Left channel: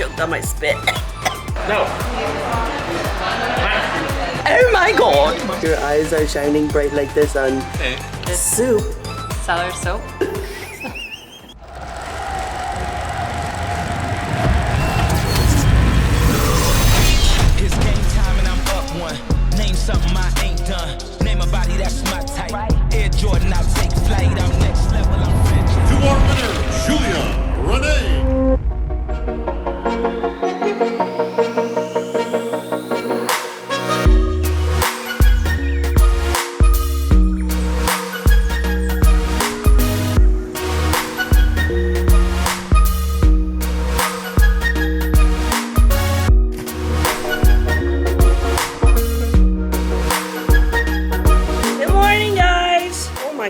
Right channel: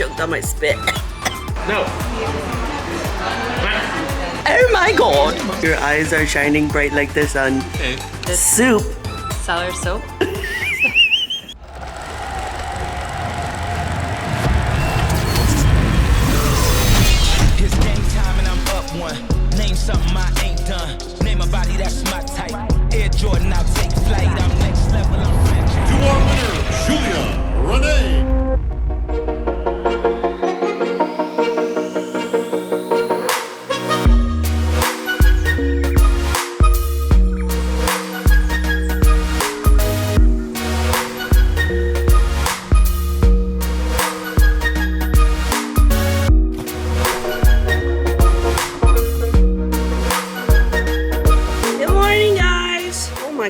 choked on my spit. No. Oh my god. Your eyes are shining bright like this on soup. Cellar soap. It's game time and I'm up one. Name something I ain't done. Name a body that's my type. Air Jordan, I'll take flight. I'm next level, I'm franchise. To our winner, Julia Rene.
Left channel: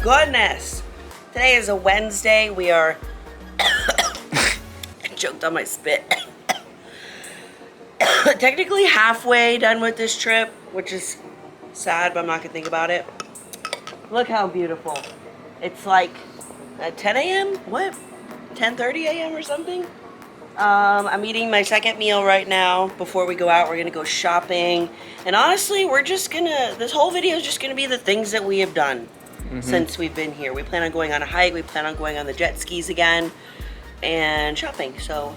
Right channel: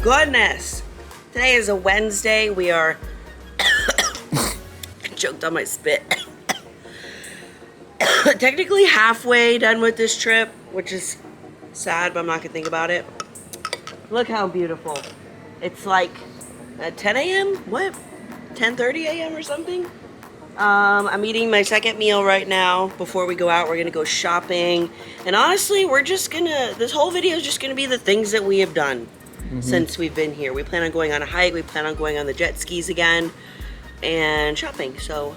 Goodness. Today is a Wednesday. We are choked on my spit. Technically halfway done with this trip, which is sad, but I'm not gonna think about it. Look how beautiful. It's like 10 a.m. What? 10:30 a.m. or something? I'm eating my second meal right now. Before we go out, we're gonna go shopping. And honestly, this whole video is just gonna be the things that we have done since we've been here. We plan on going on a hike, we plan on going on the jet skis again, and shopping. So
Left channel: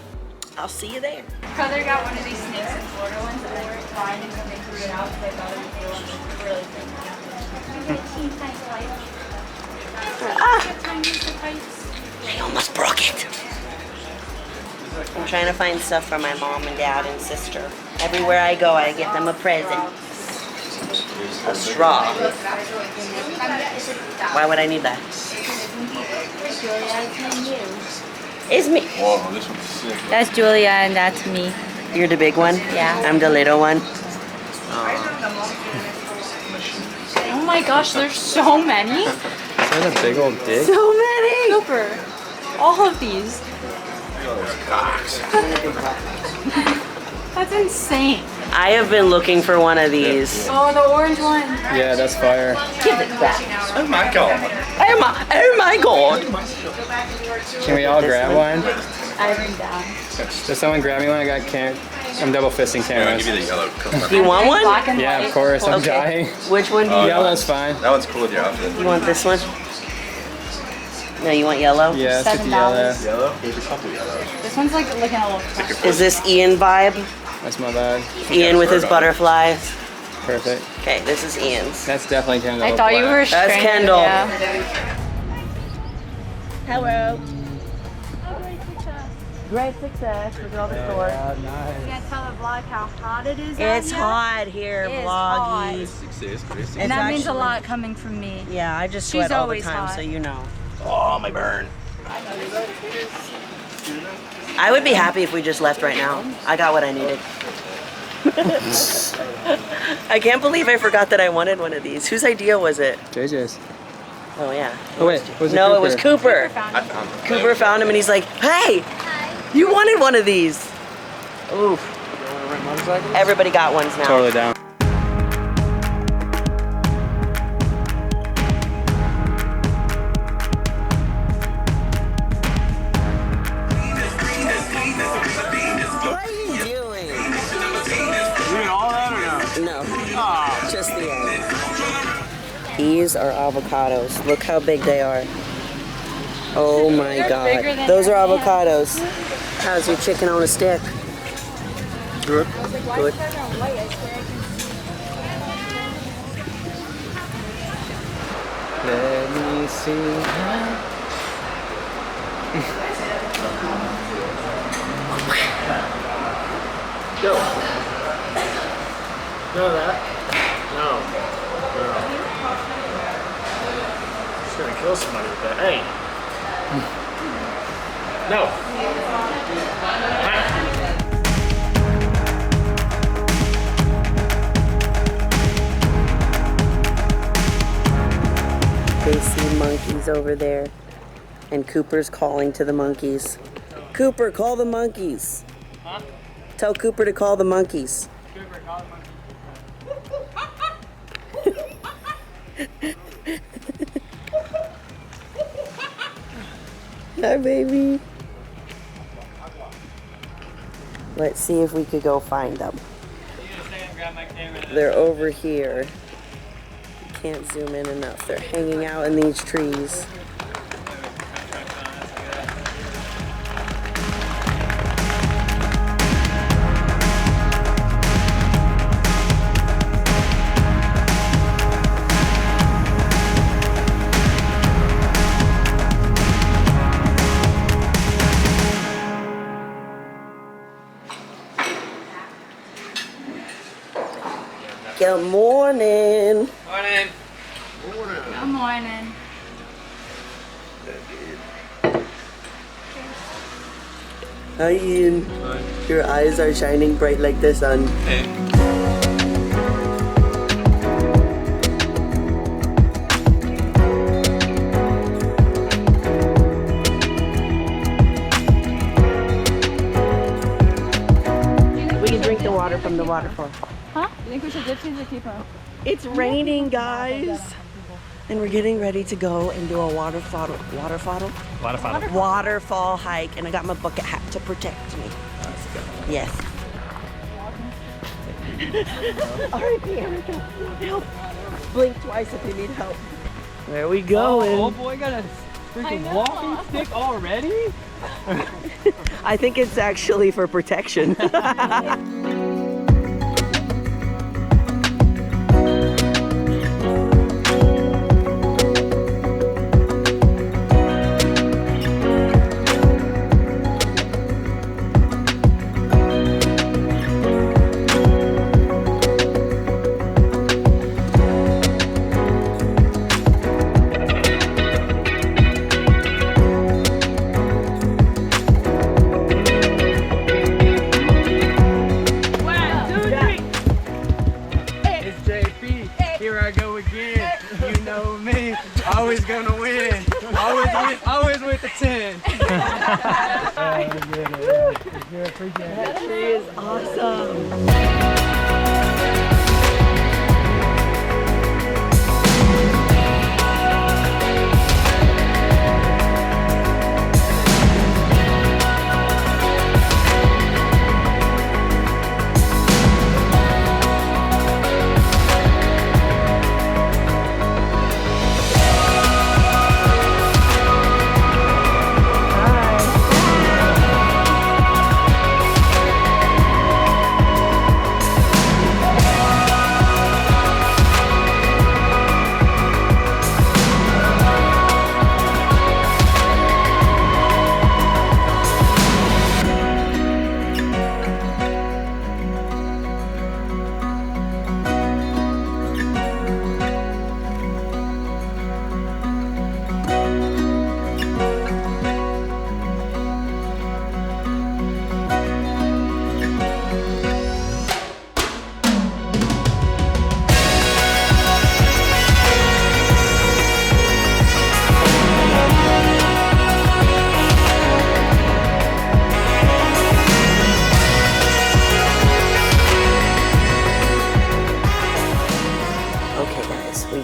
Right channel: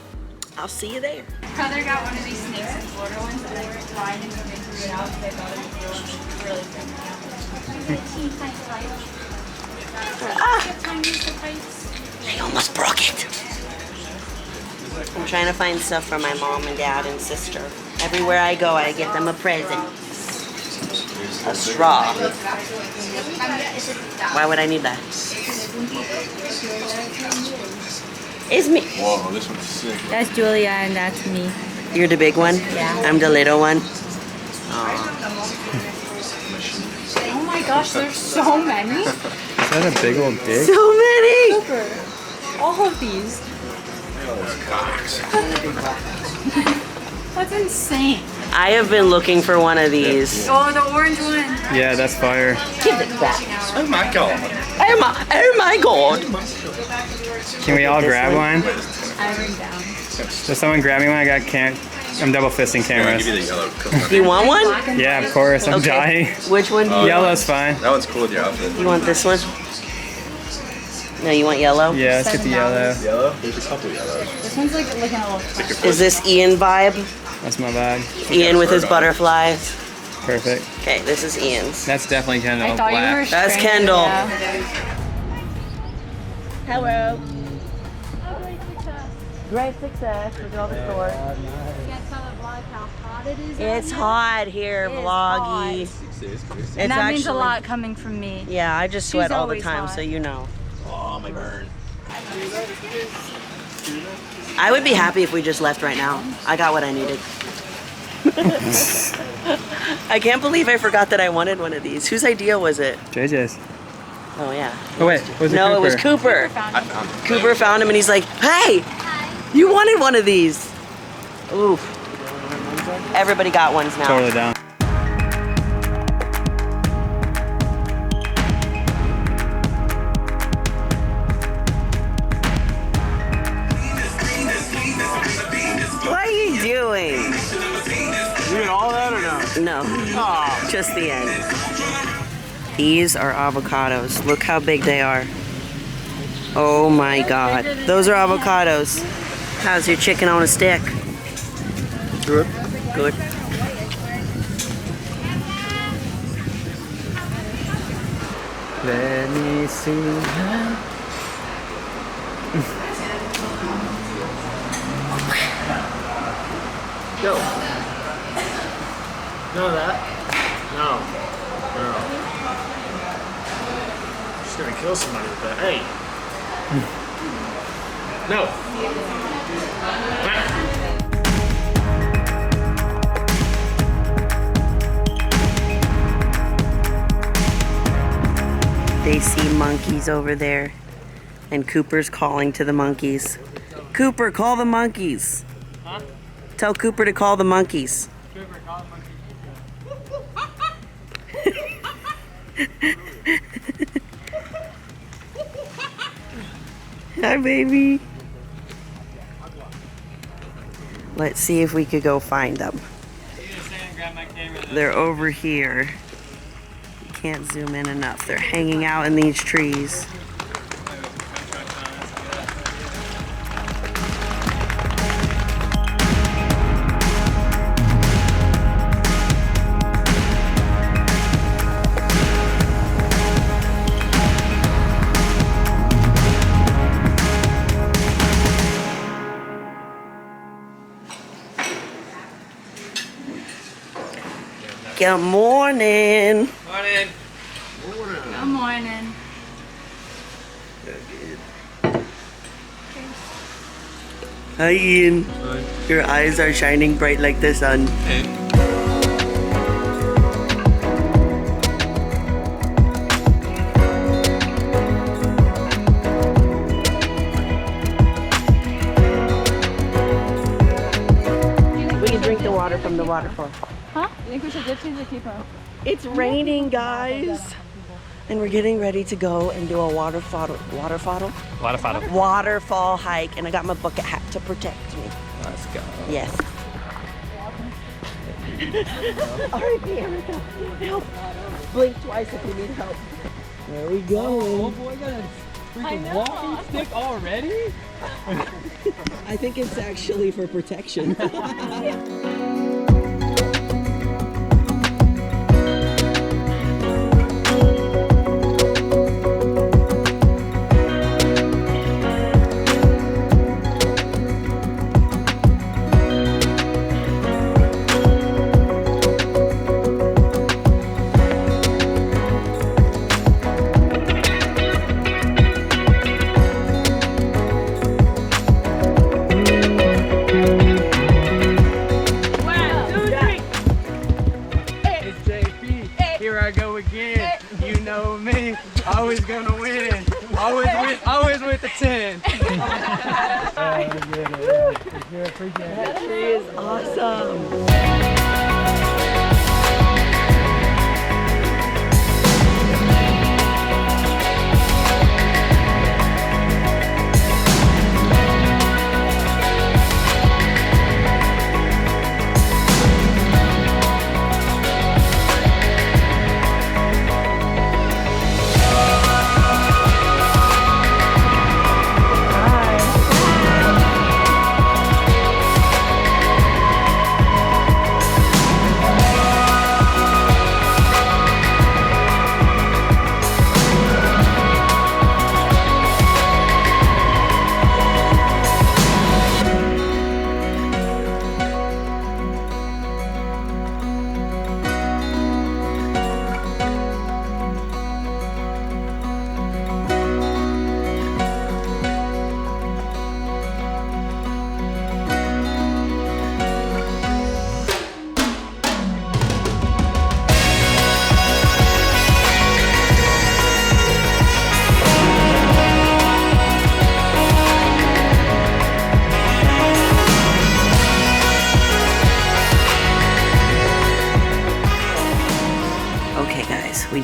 I'll see you there. Brother got one of these snakes in Florida ones and they were flying and they threw it out because they thought it was really big. We get a teeny tiny I light. almost broke it. I'm trying to find stuff for my mom and dad and sister. Everywhere I go, I get them a present. A straw. Why would I need that? It's me. Whoa, this one's sick. That's Julia and that's me. You're the big one? Yeah. I'm the little one. Oh my gosh, there's so many. So many! Super. All of these. That's insane. I have been looking for one of these. Oh, the orange one. Yeah, that's fire. Give it back. Oh my god. Oh my god. Can we all grab one? I write down. Does someone grab me one? I got I'm double fisting Yeah, I'll cameras. give you the yellow. Do you want one? Black and Yeah, white. of course. I'm Okay. dying. Which one do you want? Yellow's fine. That one's cool with your outfit. You want this one? No, you want yellow? Yeah, it's just $7. Yellow? There's a couple yellows. This one's like looking a little fresh. Is this Ian vibe? That's my bag. Ian with his butterflies. Perfect. Okay, this is Ian's. That's definitely kind of. I thought you were That's stranded, Kendall. Yeah. Hello. Great success. Look at all the stores. You can't tell the vlog how hot it is. It's hot here, It is vloggy. hot. And that means a lot coming from me. Yeah, I just She's sweat all the always time, hot. so you know. Oh, my burn. I would be happy if we just left right now. I got what I needed. I can't believe I forgot that I wanted one of these. Whose idea was it? JJ's. Oh yeah. Oh, wait, was it No, it Cooper? was Cooper. I found it. Cooper found him and he's like, hey, you wanted one of these. Oof. Everybody got ones now. Totally down. What are you doing? You get all that or no? No. Just the end. These are avocados. Look how big they are. Oh my god. Those are avocados. How's your chicken on a stick? Good. Good. Let me see. Go. No, that. No. No. She's gonna kill somebody with that. Hey. No. They see monkeys over there, and Cooper's calling to the monkeys. Cooper, call the monkeys. Huh? Tell Cooper to call the monkeys. Cooper, call the monkey. Hi, baby. Let's see if we could go find them. They're over here. Can't zoom in enough. They're hanging out in these trees. Good morning. Morning. Good morning. Hi, Ian. Your eyes are shining bright like the sun. We can drink the water from the waterfall. Huh? You think we should dip these or keep them? It's raining, guys. And we're getting ready to go and do a waterfall hike. And I got my bucket hat to protect me. Let's go. Yes. All right, Erica, help. Blink twice if you need help. There we go. Oh boy, got a freaking walking stick already? I think it's actually for protection. Here I go again. You know me. Always gonna win. Always with the 10. That tree is awesome.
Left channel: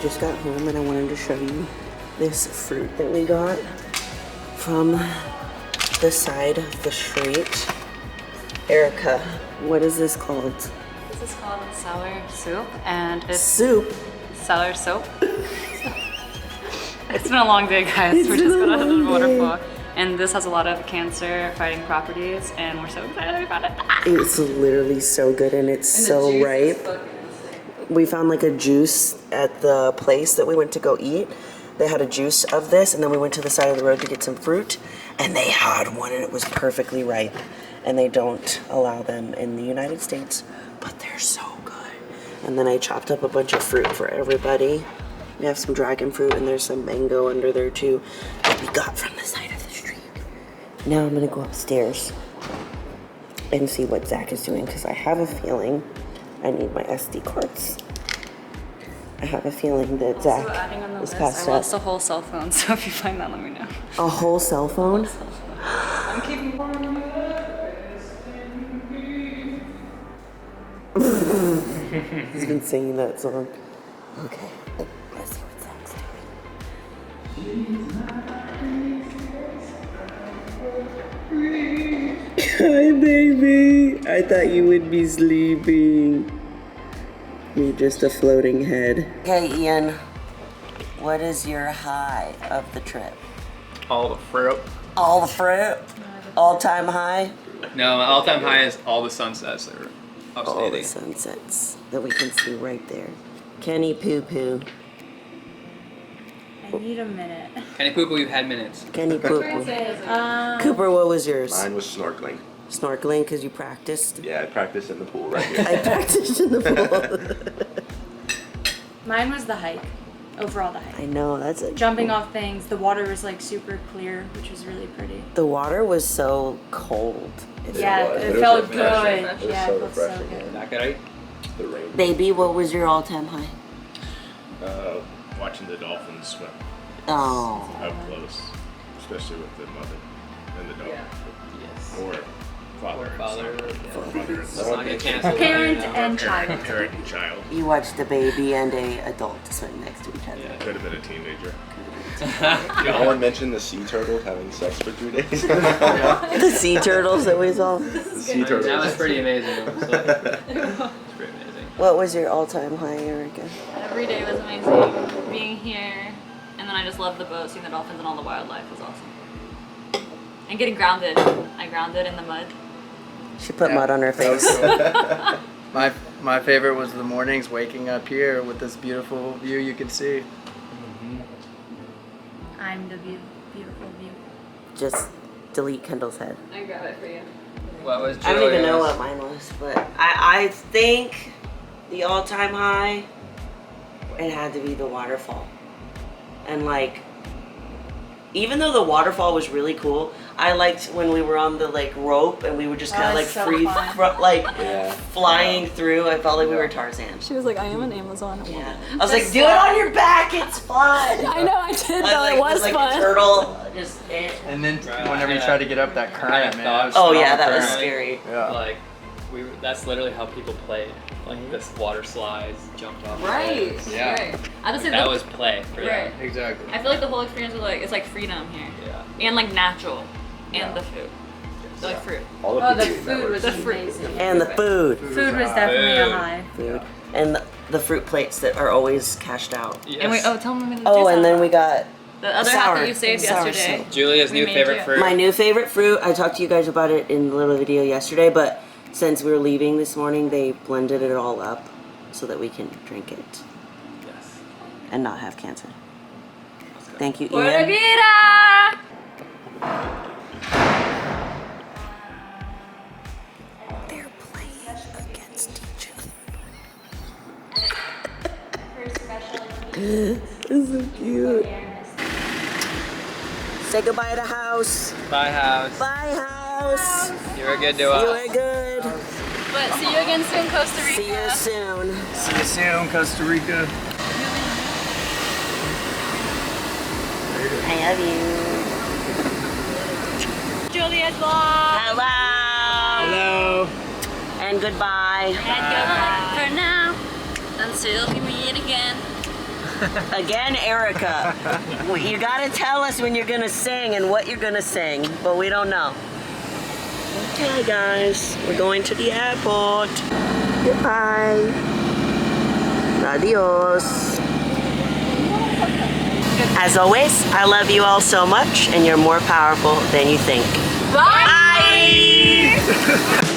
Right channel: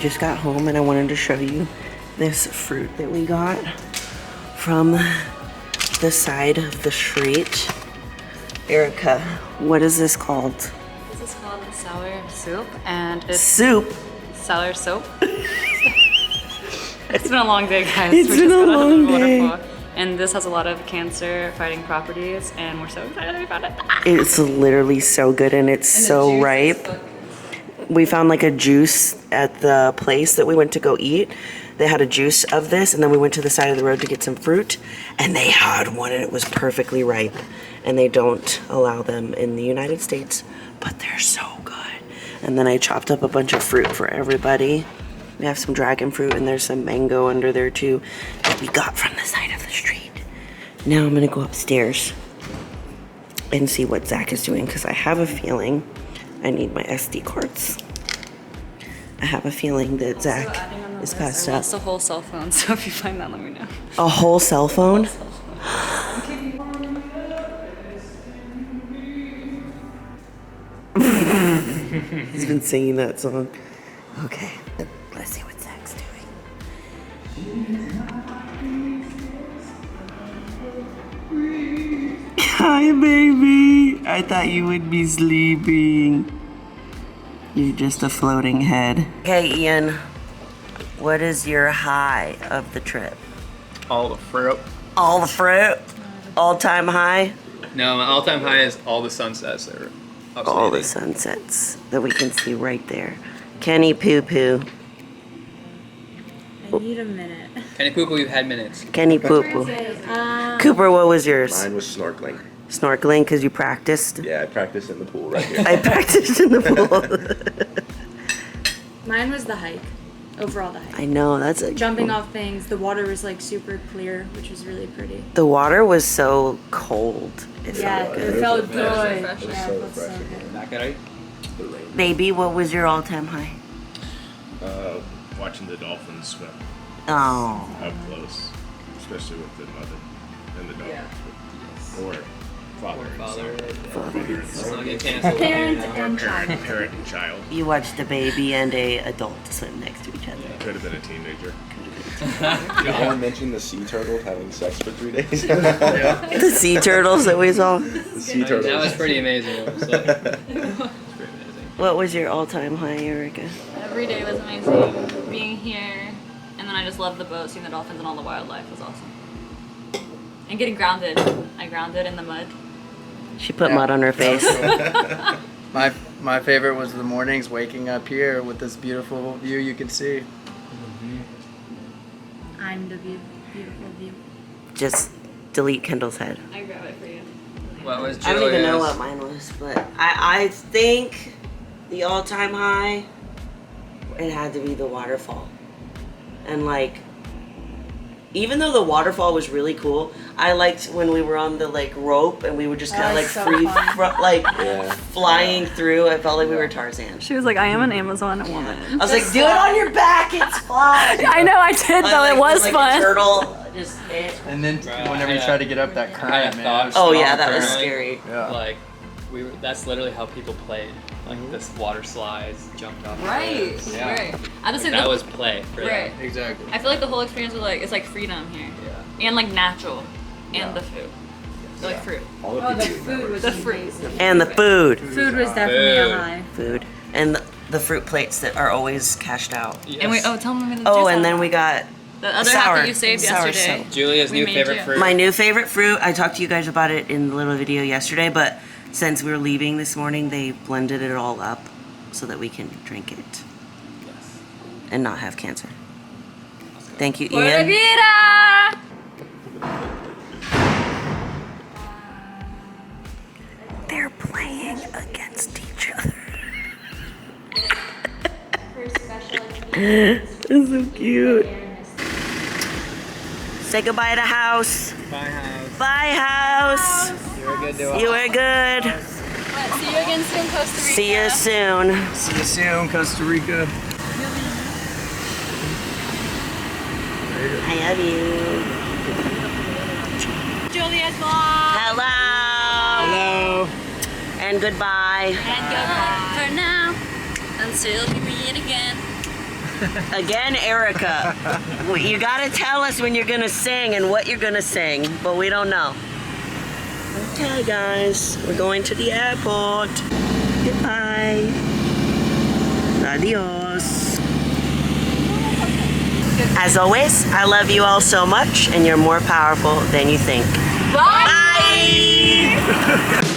Just got home and I wanted to show you this fruit that we got from the side of the street. Erica, what is this called? This is called sour soup, and it's Soup? sour soap. It's been a long day, guys. We just got out of the waterfall. And this has a lot of cancer-fighting properties, and we're so excited we found it. It's literally so good and it's so ripe. We found like a juice at the place that we went to go eat. They had a juice of this, and then we went to the side of the road to get some fruit, and they had one and it was perfectly ripe. And they don't allow them in the United States, but they're so good. And then I chopped up a bunch of fruit for everybody. We have some dragon fruit and there's some mango under there too that we got from the side of the street. Now I'm gonna go upstairs and see what Zach is doing, because I have a feeling I need my SD cards. I have a feeling that Zach is passed I out. lost a whole cell phone, so if you find that, let me know. A whole cell phone? I'm keeping. He's been singing that song. Okay, let's see what Zach's doing. Hi, baby. I thought you would be sleeping. You're just a floating head. Okay, Ian. What is your high of the trip? All the fruit. All the fruit? All-time high? No, my all-time high is all the sunsets. They were All the outstanding. sunsets that we can see right there. Kenny Poo Poo. I need a minute. Kenny Poo Poo, you've had minutes. Kenny Poo Poo. Cooper, what was yours? Mine was snorkeling. Snorkeling because you practiced? Yeah, I practiced in the pool right here. I practiced in the pool. Mine was the hike. Overall, the hike. I know, that's a... Jumping off things. The water was like super clear, which was really pretty. The water was so cold. Yeah, was. it It felt was good. refreshing. Yeah, It was it so felt so refreshing. good. That good, right? Baby, what was your all-time high? Watching the dolphins swim Oh. up close, especially with the mother and the dog. Yes. Or father. and Father. son. Or mother and Let's son. not get canceled. Parent right now. and child. Parent and child. You watched a baby and a adult swim next to each other. Could have been a teenager. No one mentioned the sea turtles having sex for 3 days. The sea turtles that we saw. The sea turtles. That was pretty amazing. It was like, it's pretty amazing. What was your all-time high, Erica? Every day was amazing. Being here, and then I just loved the boat, seeing the dolphins and all the wildlife was awesome. And getting grounded. I grounded in the mud. She put Yeah, mud on her that was face. cool. My favorite was the mornings waking up here with this beautiful view you can see. I'm the beautiful view. Just delete Kendall's head. I grab it for you. What was I don't even know Julia's? what mine was, but I think the all-time high, it had to be the waterfall. And like, even though the waterfall was really cool, I liked when we were on the like rope and we would just kind of like so free, fun. like Yeah. flying through. I felt like we were Tarzan. She was like, I am an Amazon woman. Yeah. I was like, do it on your back, it's fun. I know, I did, I though. like, It was like fun. a turtle, just And then Right, whenever you yeah. try to get up that current, man. thoughts. oh strong yeah, that was current. scary. Yeah. Like, that's literally how people played. Like, this water slides, jumped off. Right. cliffs. Yeah. Right. I just Like, say that the- was play for Right. them. Exactly. I feel like the whole experience was like it's like freedom here, Yeah. and like natural, and Yeah. the food, like fruit. Oh, the food was The fruit. amazing. And the food. Food was definitely Food. a high. Food. And the fruit plates that are always cashed out. Yes. And we tell them the Oh, and then we got the other half sour- that you saved sour yesterday. Julia's we new made favorite you. fruit. my new favorite fruit. I talked to you guys about it in the little video yesterday, but since we were leaving this morning, they blended it all up so that we can drink it Yes. and not have cancer. Thank you, Pura Ian. vida! They're playing against each other. This is so cute. Say goodbye to house. Bye, house. Bye, house. You were good to us. You were good. But see you again soon, Costa Rica. See you soon. See you soon, Costa Rica. I love you. Julia's vlog. Hello. Hello. And goodbye. And goodbye for now, until we meet again. Again, Erica. You gotta tell us when you're gonna sing and what you're gonna sing, but we don't know. Okay, guys, we're going to the airport. Goodbye. Adios. As always, I love you all so much, and you're more powerful than you think. Bye. Bye.